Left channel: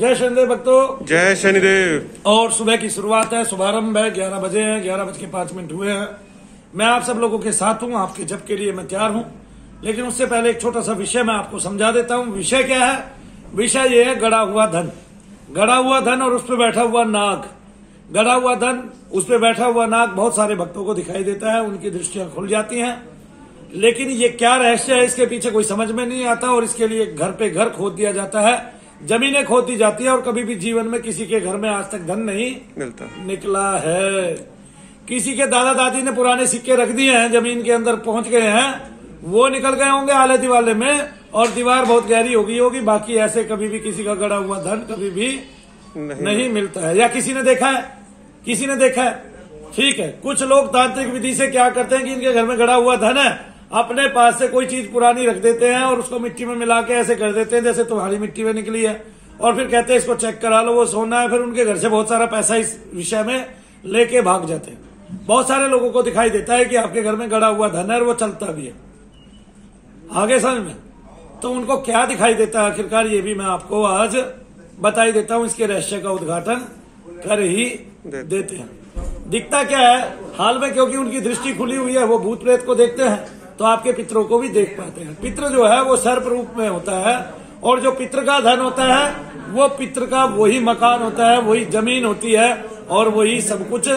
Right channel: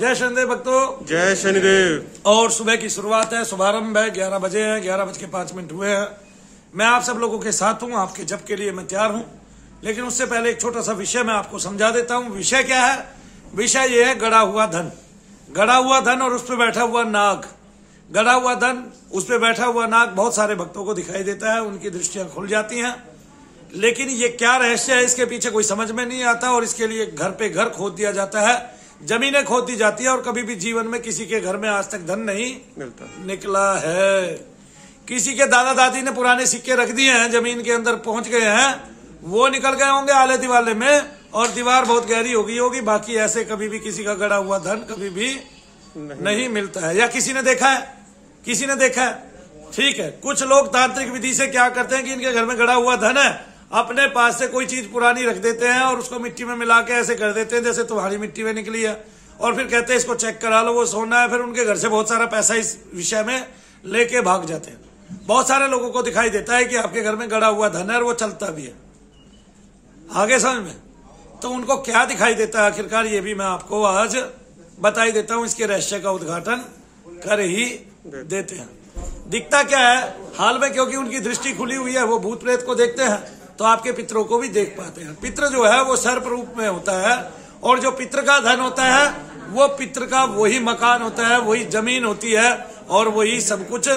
जय शनिदेव भक्तों, जय शनिदेव। और सुबह की शुरुआत है, शुभारंभ है। 11 बजे हैं, 11:05 हुए हैं। मैं आप सब लोगों के साथ हूं, आपके जप के लिए मैं तैयार हूं। लेकिन उससे पहले एक छोटा सा विषय मैं आपको समझा देता हूं। विषय क्या है? विषय ये है गड़ा हुआ धन। गड़ा हुआ धन और उस पर बैठा हुआ नाग। गड़ा हुआ धन, उस पर बैठा हुआ नाग बहुत सारे भक्तों को दिखाई देता है, उनकी दृष्टियां खुल जाती हैं। लेकिन ये क्या रहस्य है, इसके पीछे कोई समझ में नहीं आता। और इसके लिए घर पे घर खोद दिया जाता है, जमीनें खोद दी जाती है। और कभी भी जीवन में किसी के घर में आज तक धन नहीं निकला है। किसी के दादा दादी ने पुराने सिक्के रख दिए हैं, जमीन के अंदर पहुंच गए हैं, वो निकल गए होंगे आले दिवाले में, और दीवार बहुत गहरी हो गई होगी। बाकी ऐसे कभी भी किसी का गड़ा हुआ धन कभी भी नहीं मिलता है। या किसी ने देखा है? किसी ने देखा है? ठीक है। कुछ लोग तांत्रिक विधि से क्या करते हैं कि इनके घर में गड़ा हुआ धन है, अपने पास से कोई चीज पुरानी रख देते हैं और उसको मिट्टी में मिला के ऐसे कर देते हैं जैसे तुम्हारी मिट्टी में निकली है, और फिर कहते हैं इसको चेक करा लो, वो सोना है। फिर उनके घर से बहुत सारा पैसा इस विषय में लेके भाग जाते हैं। बहुत सारे लोगों को दिखाई देता है कि आपके घर में गड़ा हुआ धन है और वो चलता भी है। आगे समझ में? तो उनको क्या दिखाई देता है आखिरकार, ये भी मैं आपको आज बता ही देता हूं। इसके रहस्य का उद्घाटन कर ही देते हैं। दिखता क्या है हाल में, क्योंकि उनकी दृष्टि खुली हुई है, वो भूत प्रेत को देखते हैं तो आपके पितरों को भी देख पाते हैं। पितृ जो है वो सर्प रूप में होता है, और जो पितृ का धन होता है वो पितृ का वही मकान होता है, वही जमीन होती है, और वही सब कुछ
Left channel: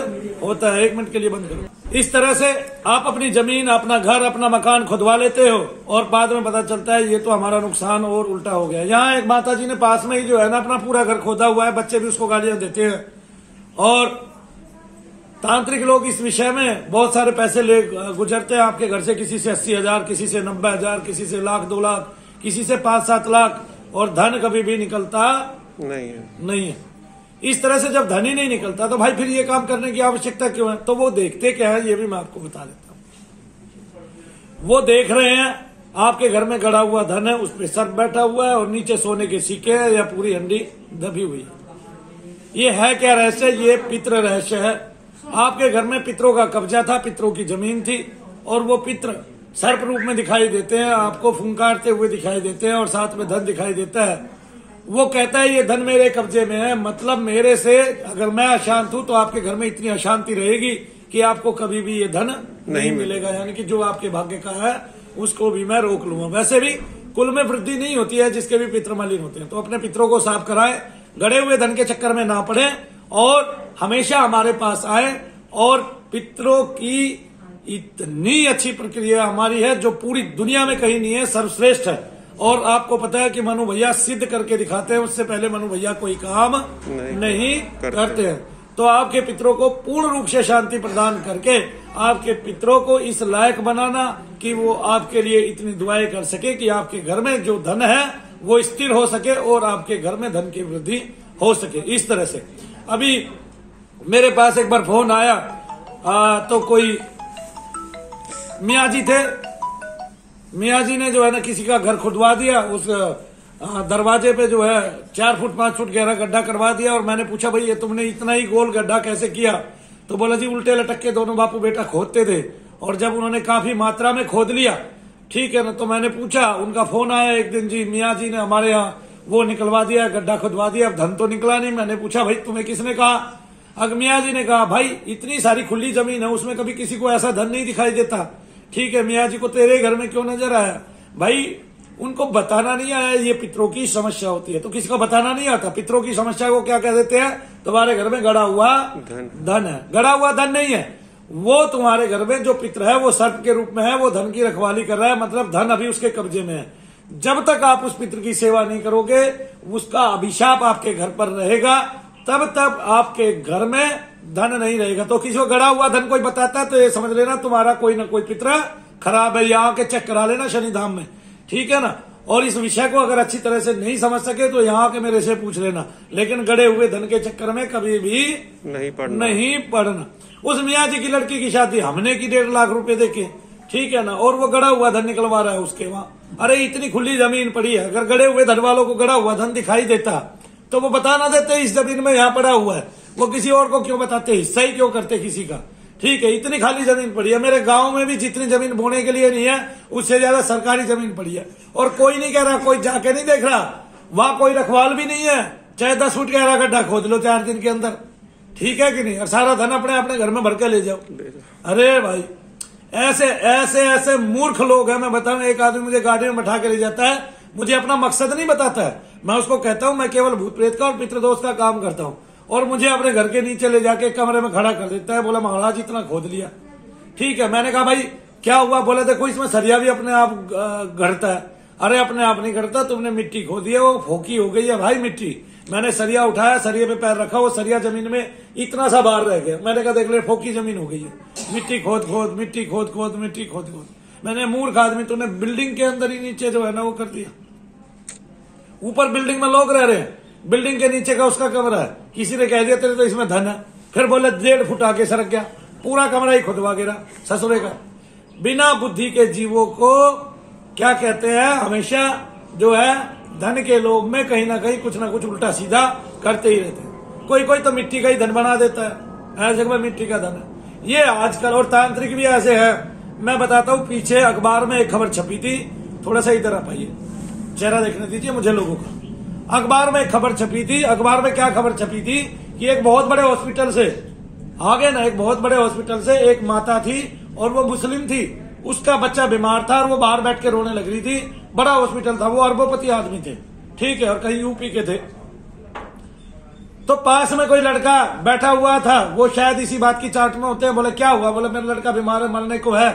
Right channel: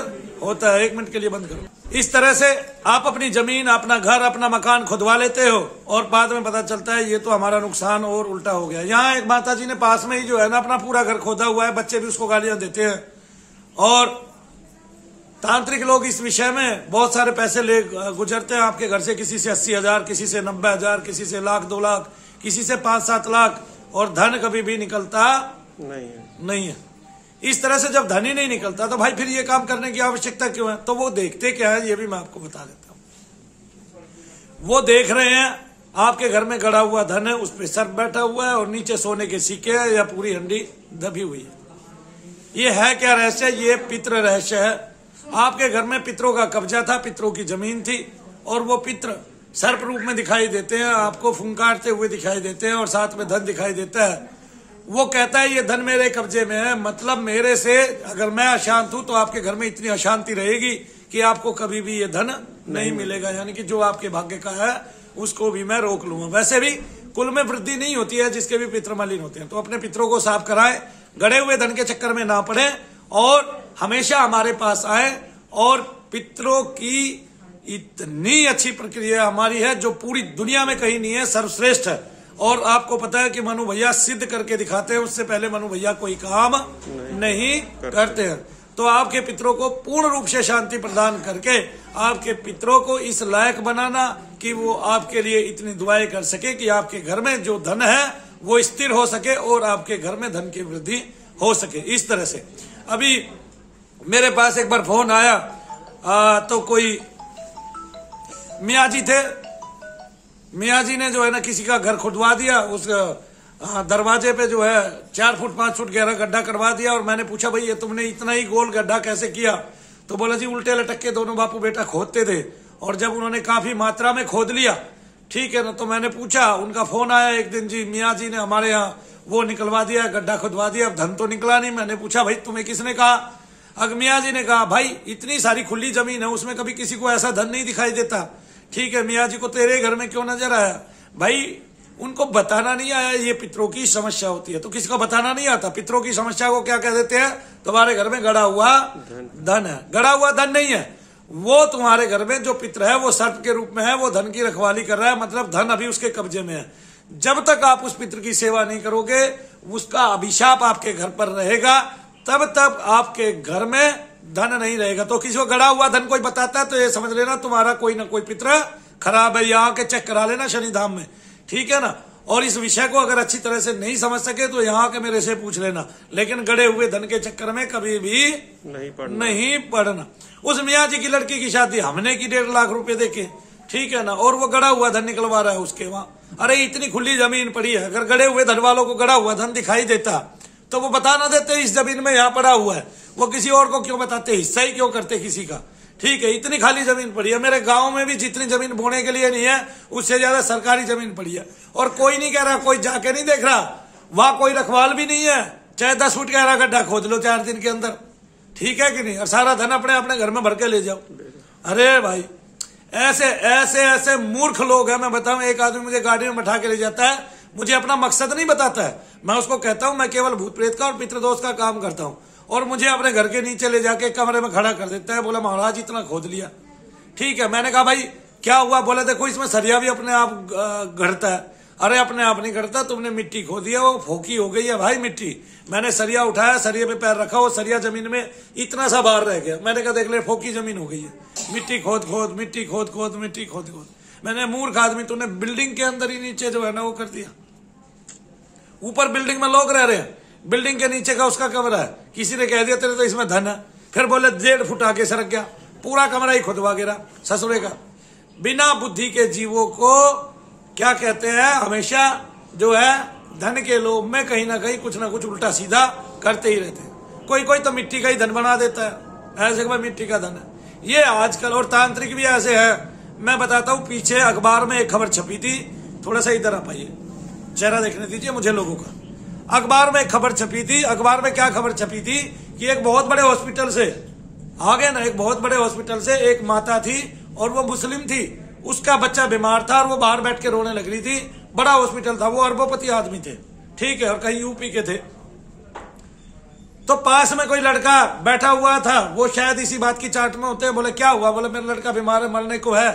होता है। 1 मिनट के लिए बंद करो। इस तरह से आप अपनी जमीन, अपना घर, अपना मकान खुदवा लेते हो, और बाद में पता चलता है ये तो हमारा नुकसान और उल्टा हो गया। यहाँ एक माता जी ने पास में ही जो है ना अपना पूरा घर खोदा हुआ है, बच्चे भी उसको गालियां देते हैं। और तांत्रिक लोग इस विषय में बहुत सारे पैसे ले गुजरते हैं आपके घर से। किसी से 80,000, किसी से 90,000, किसी से 1,00,000, 2,00,000, किसी से 5-7 लाख, और धन कभी भी निकलता नहीं है। इस तरह से जब धन ही नहीं निकलता तो भाई फिर ये काम करने की आवश्यकता क्यों है? तो वो देखते क्या है ये भी मैं आपको बता देता हूं। वो देख रहे हैं आपके घर में गड़ा हुआ धन है, उस पर सर्प बैठा हुआ है और नीचे सोने के सिक्के या पूरी हंडी दबी हुई है। ये है क्या रहस्य? ये पितृ रहस्य है। आपके घर में पितरों का कब्जा था, पितरों की जमीन थी, और वो पितृ सर्प रूप में दिखाई देते हैं, आपको फुंकारते हुए दिखाई देते हैं, और साथ में धन दिखाई देता है। वो कहता है ये धन मेरे कब्जे में है, मतलब मेरे से अगर मैं अशांत हूं तो आपके घर में इतनी अशांति रहेगी कि आपको कभी भी ये धन नहीं मिलेगा। यानी कि जो आपके भाग्य का है उसको भी मैं रोक लूंगा। वैसे भी कुल में वृद्धि नहीं होती है जिसके भी पितृ मलिन होते हैं। तो अपने पितरों को साफ कराएं, गड़े हुए धन के चक्कर में ना पड़े, और हमेशा हमारे पास आए। और पितरों की इतनी अच्छी प्रक्रिया हमारी है जो पूरी दुनिया में कहीं नहीं है, सर्वश्रेष्ठ है। और आपको पता है कि मनु भैया सिद्ध करके दिखाते हैं, उससे पहले मनु भैया कोई काम नहीं करते हैं। तो आपके पितरों को पूर्ण रूप से शांति प्रदान करके आपके पितरों को इस लायक बनाना कि वो आपके लिए इतनी दुआएं कर सके कि आपके घर में जो धन है वो स्थिर हो सके और आपके घर में धन की वृद्धि हो सके। इस तरह से अभी मेरे पास एक बार फोन आया, तो कोई मियाँ जी थे। मियाँ जी ने जो है ना किसी का घर खुदवा दिया, उस दरवाजे पे जो है 4 फुट 5 फुट गहरा गड्ढा करवा दिया। और मैंने पूछा भाई ये तुमने इतना ही गोल गड्ढा कैसे किया? तो बोला जी उल्टे लटक के दोनों बापू बेटा खोदते थे, और जब उन्होंने काफी मात्रा में खोद लिया, ठीक है ना, तो मैंने पूछा, उनका फोन आया एक दिन, जी मियाँ जी ने हमारे यहाँ वो निकलवा दिया, गड्ढा खुदवा दिया, अब धन तो निकला नहीं। मैंने पूछा भाई तुम्हें किसने कहा? अगर मियाँ जी ने कहा भाई इतनी सारी खुली जमीन है, उसमें कभी किसी को ऐसा धन नहीं दिखाई देता। ठीक है, मियाँ जी को तेरे घर में क्यों नजर आया? भाई उनको बताना नहीं आया, ये पितरों की समस्या होती है। तो किसी को बताना नहीं आता। पितरों की समस्या को क्या कह देते हैं? तुम्हारे घर में गड़ा हुआ धन है। गड़ा हुआ धन नहीं है, वो तुम्हारे घर में जो पितर है वो सर्प के रूप में है, वो धन की रखवाली कर रहा है, मतलब धन अभी उसके कब्जे में है। जब तक आप उस पितर की सेवा नहीं करोगे, उसका अभिशाप आपके घर पर रहेगा, तब तक आपके घर में धन नहीं रहेगा। तो किसी को गड़ा हुआ धन कोई बताता है तो ये समझ लेना तुम्हारा कोई ना कोई पितर खराब है। यहाँ के चेक करा लेना शनिधाम में, ठीक है ना। और इस विषय को अगर अच्छी तरह से नहीं समझ सके तो यहाँ के मेरे से पूछ लेना। लेकिन गड़े हुए धन के चक्कर में कभी भी नहीं पड़ना। उस मियाँ जी की लड़की की शादी हमने की 1.5 लाख रुपए देके, ठीक है ना, और वो गड़ा हुआ धन निकलवा रहा है उसके वहां। अरे इतनी खुली जमीन पड़ी है, अगर गड़े हुए धन वालों को गड़ा हुआ धन दिखाई देता तो वो बता ना देते इस जमीन में यहाँ पड़ा हुआ है। वो किसी और को क्यों बताते, हिस्सा ही क्यों करते किसी का? ठीक है, इतनी खाली जमीन पड़ी है। मेरे गांव में भी जितनी जमीन बोने के लिए नहीं है उससे ज्यादा सरकारी जमीन पड़ी है, और कोई नहीं कह रहा, कोई जाके नहीं देख रहा, वहां कोई रखवाल भी नहीं है, चाहे 10 फुट गहरा गड्ढा खोद लो 4 दिन के अंदर, ठीक है कि नहीं, और सारा धन अपने अपने घर में भर के ले जाओ। अरे भाई ऐसे ऐसे ऐसे मूर्ख लोग हैं। मैं बताऊं, एक आदमी मुझे गाड़ी में बैठा के ले जाता है, मुझे अपना मकसद नहीं बताता है। मैं उसको कहता हूं मैं केवल भूत प्रेत का और पितृदोष का काम करता हूं, और मुझे अपने घर के नीचे ले जाके कमरे में खड़ा कर देता है। बोला महाराज इतना खोद लिया, ठीक है। मैंने कहा भाई क्या हुआ? बोला देखो इसमें सरिया भी अपने आप गढ़ता है। अरे अपने आप नहीं गढ़ता, तुमने मिट्टी खोदी है, वो फोकी हो गई है भाई मिट्टी। मैंने सरिया उठाया, सरिया पे पैर रखा, वो सरिया जमीन में इतना सा बाहर रह गया। मैंने कहा देख ले फोकी जमीन हो गई है, मिट्टी खोद खोद मिट्टी खोद खोद मिट्टी खोद खोद। मैंने मूर्ख आदमी, तूने बिल्डिंग के अंदर ही नीचे जो है ना वो कर दिया। ऊपर बिल्डिंग में लोग रह रहे हैं, बिल्डिंग के नीचे का उसका कमरा है, किसी ने कह दिया तेरे तो इसमें धन है, फिर बोले 1.5 फुट आगे सरक गया, पूरा कमरा ही खुदवा गिरा ससुरे का। बिना बुद्धि के जीवों को क्या कहते हैं, हमेशा जो है धन के लोभ में कहीं ना कहीं कुछ ना कुछ उल्टा सीधा करते ही रहते हैं। कोई कोई तो मिट्टी का ही धन बना देता है, ऐसे में मिट्टी का धन है ये आजकल। और तांत्रिक भी ऐसे है। मैं बताता हूँ, पीछे अखबार में एक खबर छपी थी, थोड़ा सा इधर आ पाइए, चेहरा देखने दीजिए मुझे लोगों का। अखबार में एक खबर छपी थी। अखबार में क्या खबर छपी थी कि एक बहुत बड़े हॉस्पिटल से आगे ना, एक बहुत बड़े हॉस्पिटल से एक माता थी और वो मुस्लिम थी, उसका बच्चा बीमार था और वो बाहर बैठ के रोने लग रही थी। बड़ा हॉस्पिटल था, वो अरबोपति आदमी थे, ठीक है, और कहीं यूपी के थे। तो पास में कोई लड़का बैठा हुआ था, वो शायद इसी बात की चाट में होते हैं। बोले क्या हुआ? बोले मेरा लड़का बीमार है, मरने को है।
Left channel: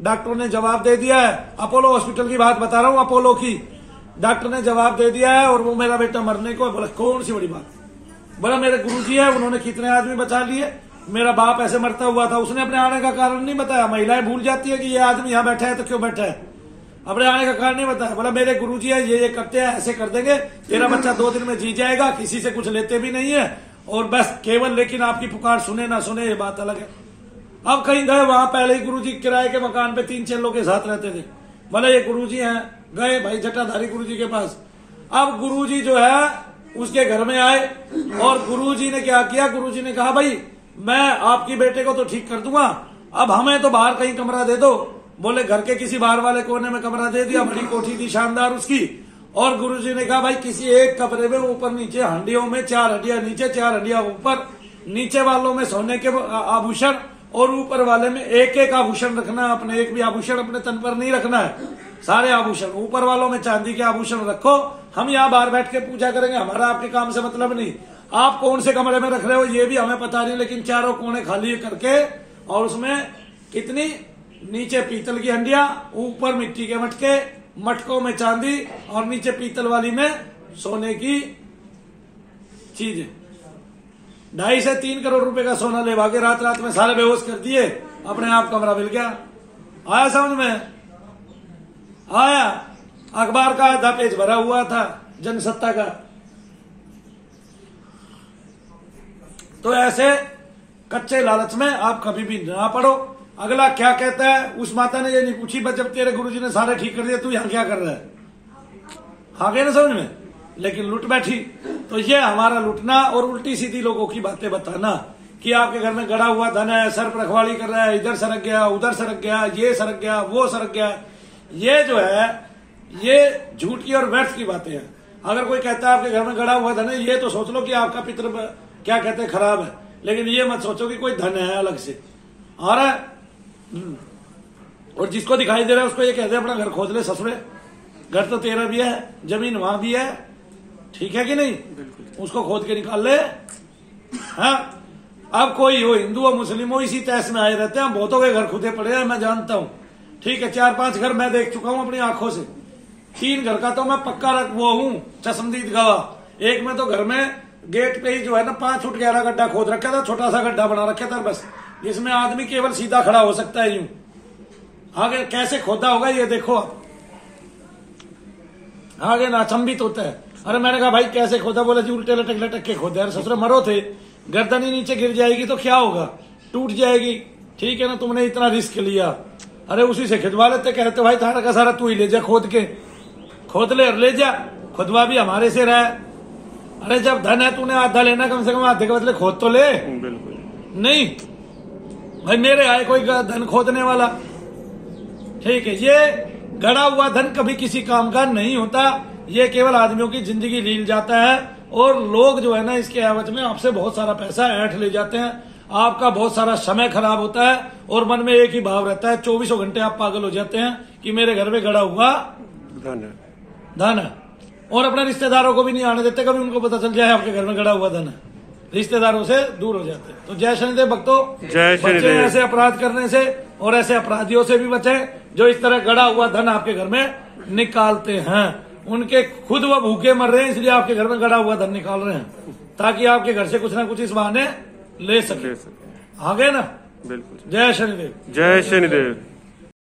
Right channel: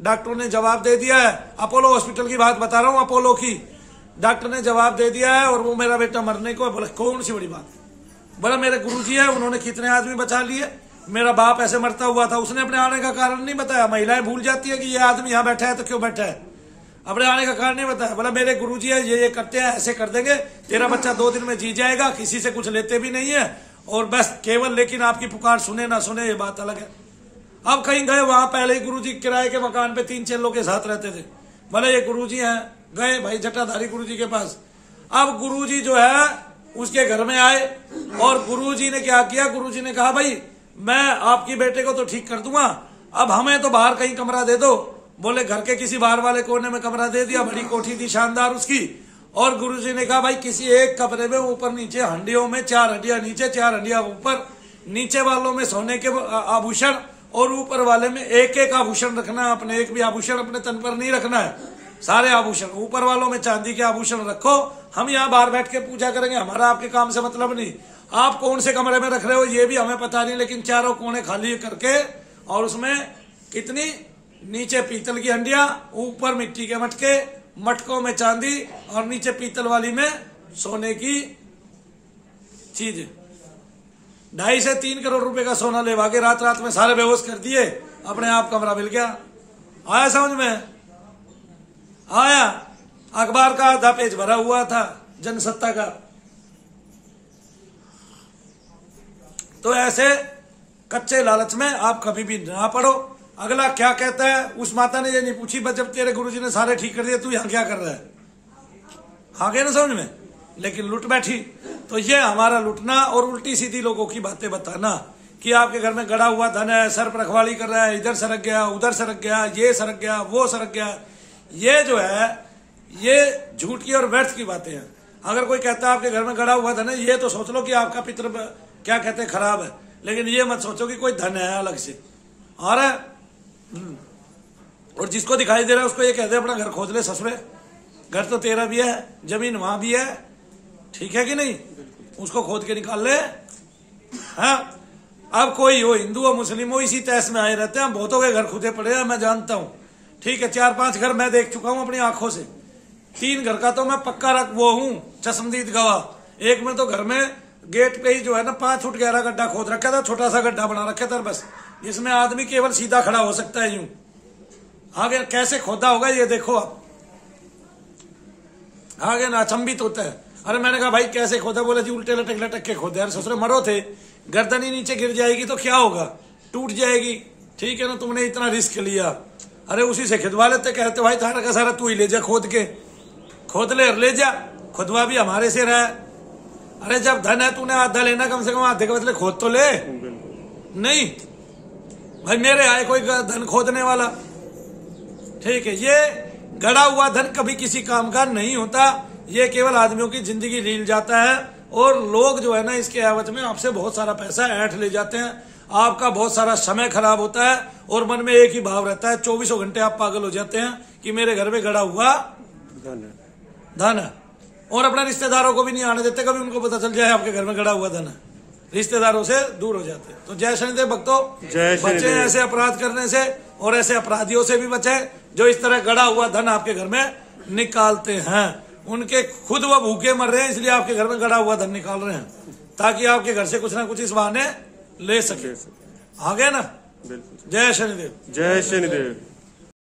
डॉक्टर ने जवाब दे दिया है, अपोलो हॉस्पिटल की बात बता रहा हूँ, अपोलो की। डॉक्टर ने जवाब दे दिया है और वो मेरा बेटा मरने को है। बोले कौन सी बड़ी बात? बोला मेरे गुरुजी है, उन्होंने कितने आदमी बचा लिए, मेरा बाप ऐसे मरता हुआ था। उसने अपने आने का कारण नहीं बताया। महिलाएं भूल जाती है कि ये आदमी यहाँ बैठा है तो क्यों बैठा है, अपने आने का कारण नहीं बताया। बोला मेरे गुरुजी है, ये करते हैं, ऐसे कर देंगे, तेरा बच्चा 2 दिन में जी जाएगा, किसी से कुछ लेते भी नहीं है, और बस केवल लेकिन आपकी पुकार सुने ना सुने ये बात अलग है। अब कहीं गए, वहां पहले ही गुरुजी किराए के मकान पे 3-4 लोग के साथ रहते थे। बोले ये गुरुजी हैं, गए भाई जटाधारी गुरुजी के पास। अब गुरुजी जो है उसके घर में आए और गुरुजी ने क्या किया, गुरुजी ने कहा भाई मैं आपकी बेटे को तो ठीक कर दूंगा, अब हमें तो बाहर कहीं कमरा दे दो। बोले घर के किसी बाहर वाले कोने में कमरा दे दिया, बड़ी कोठी थी शानदार उसकी। और गुरुजी ने कहा भाई किसी एक कमरे में ऊपर नीचे हंडियों में 4 हंडिया नीचे, 4 हंडिया ऊपर, नीचे वालों में सोने के आभूषण और ऊपर वाले में एक एक आभूषण रखना। अपने एक भी आभूषण अपने तन पर नहीं रखना है, सारे आभूषण। ऊपर वालों में चांदी के आभूषण रखो, हम यहाँ बाहर बैठ के पूजा करेंगे, हमारा आपके काम से मतलब नहीं। आप कौन से कमरे में रख रहे हो ये भी हमें पता नहीं, लेकिन चारों कोने खाली करके और उसमें कितनी, नीचे पीतल की हंडिया, ऊपर मिट्टी के मटके, मटकों में चांदी और नीचे पीतल वाली में सोने की चीजें। 2.5 से 3 करोड़ रुपए का सोना लेवा के रात रात में सारे बेहोश कर दिए, अपने आप कमरा मिल गया। आया समझ में? आया। अखबार का आधा पेज भरा हुआ था जनसत्ता का। तो ऐसे कच्चे लालच में आप कभी भी ना पड़ो। अगला क्या कहता है, उस माता ने ये नहीं पूछी बस जब तेरे गुरुजी ने सारे ठीक कर दिए तू यहाँ क्या कर रहा है, आ गया ना समझ में, लेकिन लुट बैठी। तो ये हमारा लुटना और उल्टी सीधी लोगों की बातें बताना कि आपके घर में गड़ा हुआ धन है, सर पर रखवाली कर रहा है, इधर सरक गया, उधर सरक गया, ये सरक गया, वो सरक गया, ये जो है ये झूठ की और व्यर्थ की बातें हैं। अगर कोई कहता है आपके घर में गड़ा हुआ धन है, ये तो सोच लो कि आपका पितृ क्या कहते हैं खराब है, लेकिन ये मत सोचो कि कोई धन है अलग से आ रहा है। और जिसको दिखाई दे रहा है उसको ये कहते हैं अपना घर खोद ले ससुरे, घर तो तेरा भी है, जमीन वहां भी है, ठीक है कि नहीं, उसको खोद के निकाल ले। हाँ, अब कोई हो हिंदू हो मुस्लिम हो इसी तैस में आए रहते हैं। बहुतों के घर खुदे पड़े हैं, मैं जानता हूं, ठीक है। 4-5 घर मैं देख चुका हूं अपनी आंखों से। 3 घर का तो मैं पक्का वो हूं चश्मदीद गवाह। एक में तो घर में गेट पे ही जो है ना 5 फुट गहरा गड्ढा खोद रखा था, छोटा सा गड्ढा बना रखा था बस, जिसमें आदमी केवल सीधा खड़ा हो सकता है यूं। आगे कैसे खोदा होगा ये देखो आप, आगे नाचंबित होता है। अरे मैंने कहा भाई कैसे खोदा? बोला जी उल्टे लटक लटक के खोदे। अरे ससुरे मरो थे, गर्दन ही नीचे गिर जाएगी तो क्या होगा, टूट जाएगी, ठीक है ना, तुमने इतना रिस्क लिया। अरे उसी से खिदवा लेते, कहते भाई सारा का सारा तू ही ले जा खोद के, खोद ले और ले जा, खुदवा भी हमारे से रहा है। अरे जब धन है तूने आधा लेना, कम से कम आधे के बदले खोद तो ले। नहीं भाई मेरे आए कोई धन खोदने वाला, ठीक है। ये गड़ा हुआ धन कभी किसी काम का नहीं होता, ये केवल आदमियों की जिंदगी रील जाता है और लोग जो है ना इसके एवज में आपसे बहुत सारा पैसा ऐंठ ले जाते हैं। आपका बहुत सारा समय खराब होता है और मन में एक ही भाव रहता है, 24 घंटे आप पागल हो जाते हैं कि मेरे घर में गड़ा हुआ धन है। और अपने रिश्तेदारों को भी नहीं आने देते, कभी उनको पता चल जाए आपके घर में गड़ा हुआ धन है, रिश्तेदारों से दूर हो जाते हैं। तो जय शनिदेव भक्तों, बचे ऐसे अपराध करने से और ऐसे अपराधियों से भी बचे जो इस तरह गड़ा हुआ धन आपके घर में निकालते हैं। उनके खुद वो भूखे मर रहे हैं, इसलिए आपके घर में गड़ा हुआ धन निकाल रहे हैं ताकि आपके घर से कुछ ना कुछ इस बहाने ले सके। आ गए ना? बिल्कुल। जय शनिदेव। जय शनिदेव।